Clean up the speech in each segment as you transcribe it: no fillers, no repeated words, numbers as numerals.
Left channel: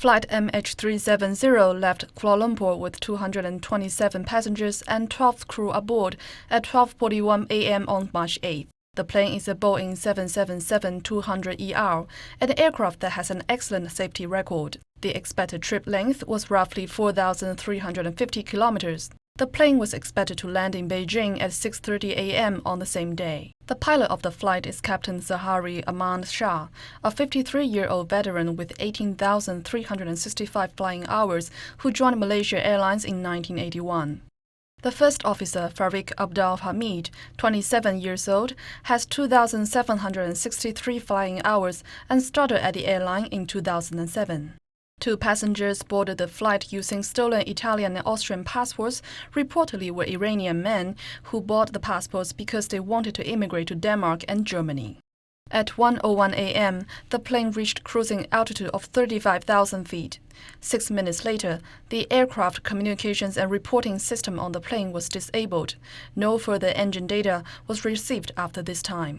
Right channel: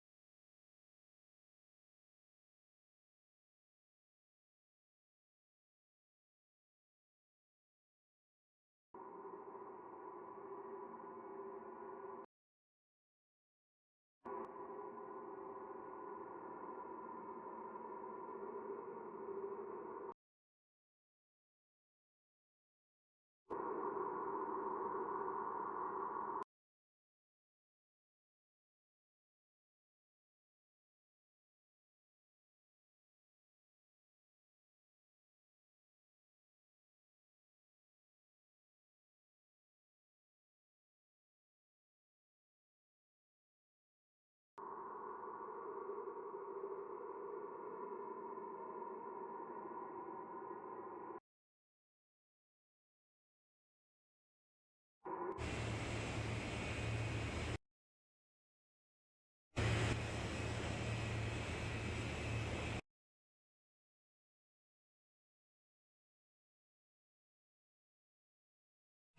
Flight MH370 left Kuala Lumpur with 227 passengers and 12 crew aboard at 12:41 a.m. on March 8. The plane is a Boeing 777-200ER, an aircraft that has an excellent safety record. The expected trip length was roughly 4,350 kilometers. The plane was expected to land in Beijing at 6:30 a.m. on the same day. The pilot of the flight is Captain Zahari Ahmad Shah, a 53-year-old veteran with 18,365 flying hours who joined Malaysia Airlines in 1981. The first officer, Farik Abdul Hamid, 27 years old, has 2,763 flying hours and started at the airline in 2007. Two passengers boarded the flight using stolen Italian and Austrian passports, reportedly were Iranian men who bought the passports because they wanted to immigrate to Denmark and Germany. At 1:01 a.m., the plane reached cruising altitude of 35,000 feet. 6 minutes later, the aircraft communications and reporting system on the plane was disabled. No further engine data was received after this time.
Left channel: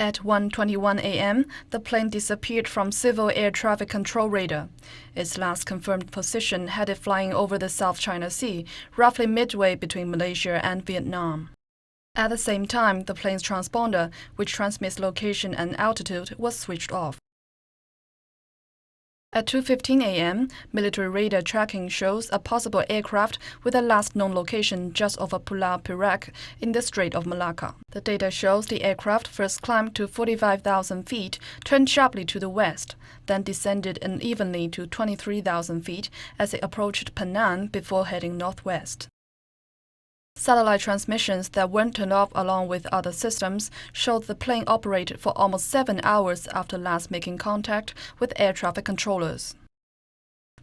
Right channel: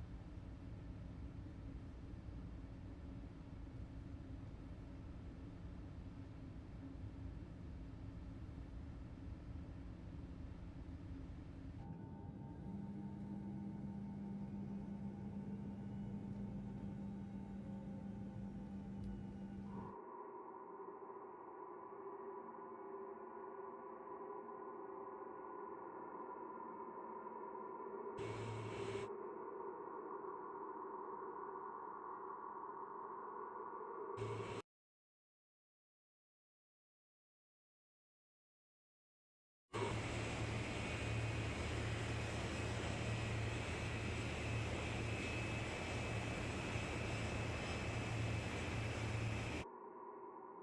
At 1:21 a.m., the plane disappeared from civil air traffic control radar. Its last confirmed position had it flying over the South China Sea, roughly midway between Malaysia and Vietnam. At the same time, the plane's transponder, which transmits location and altitude, was switched off. At 2:15 a.m., military radar tracking shows a possible aircraft with a last known location just over Pulau Perak in the Strait of Malacca. The data shows the aircraft first climbed to 45,000 feet, turned sharply to the west, then descended unevenly to 23,000 feet as it approached Penang before heading northwest. Satellite transmissions that weren't turned off along with other systems showed the plane operated for almost 7 hours after last making contact with air traffic controllers.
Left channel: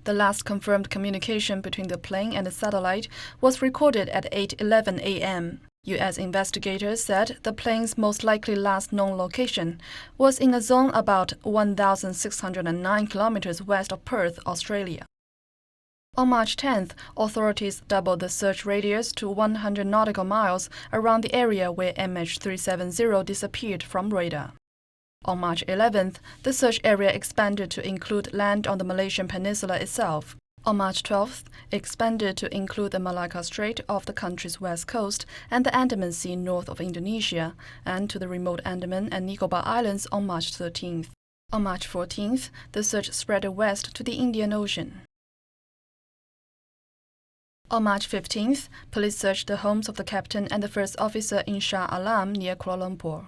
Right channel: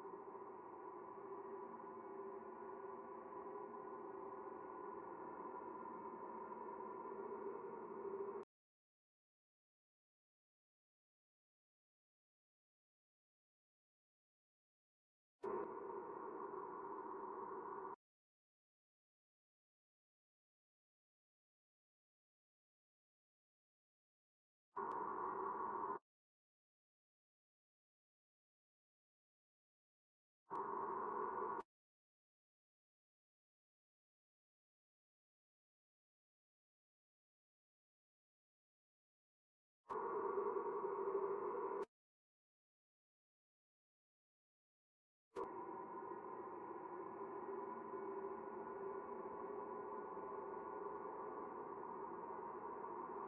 The last confirmed communication between the plane and the satellite was recorded at 8:11 a.m. U.S. investigators said the plane's most likely last known location was in a zone about 1,609 kilometers west of Perth, Australia. On March 10th, authorities doubled the search radius to 100 nautical miles around the area where MH370 disappeared from radar. On March 11th, the search area expanded to include land on the Malaysian peninsula itself. On March 12th, it expanded to include the Malacca Strait off the country's west coast and the Andaman Sea north of Indonesia, and to the remote Andaman and Nicobar Islands on March 13th. On March 14th, the search spread west to the Indian Ocean. On March 15th, police searched the homes of the captain and the first officer in Shah Alam near Kuala Lumpur.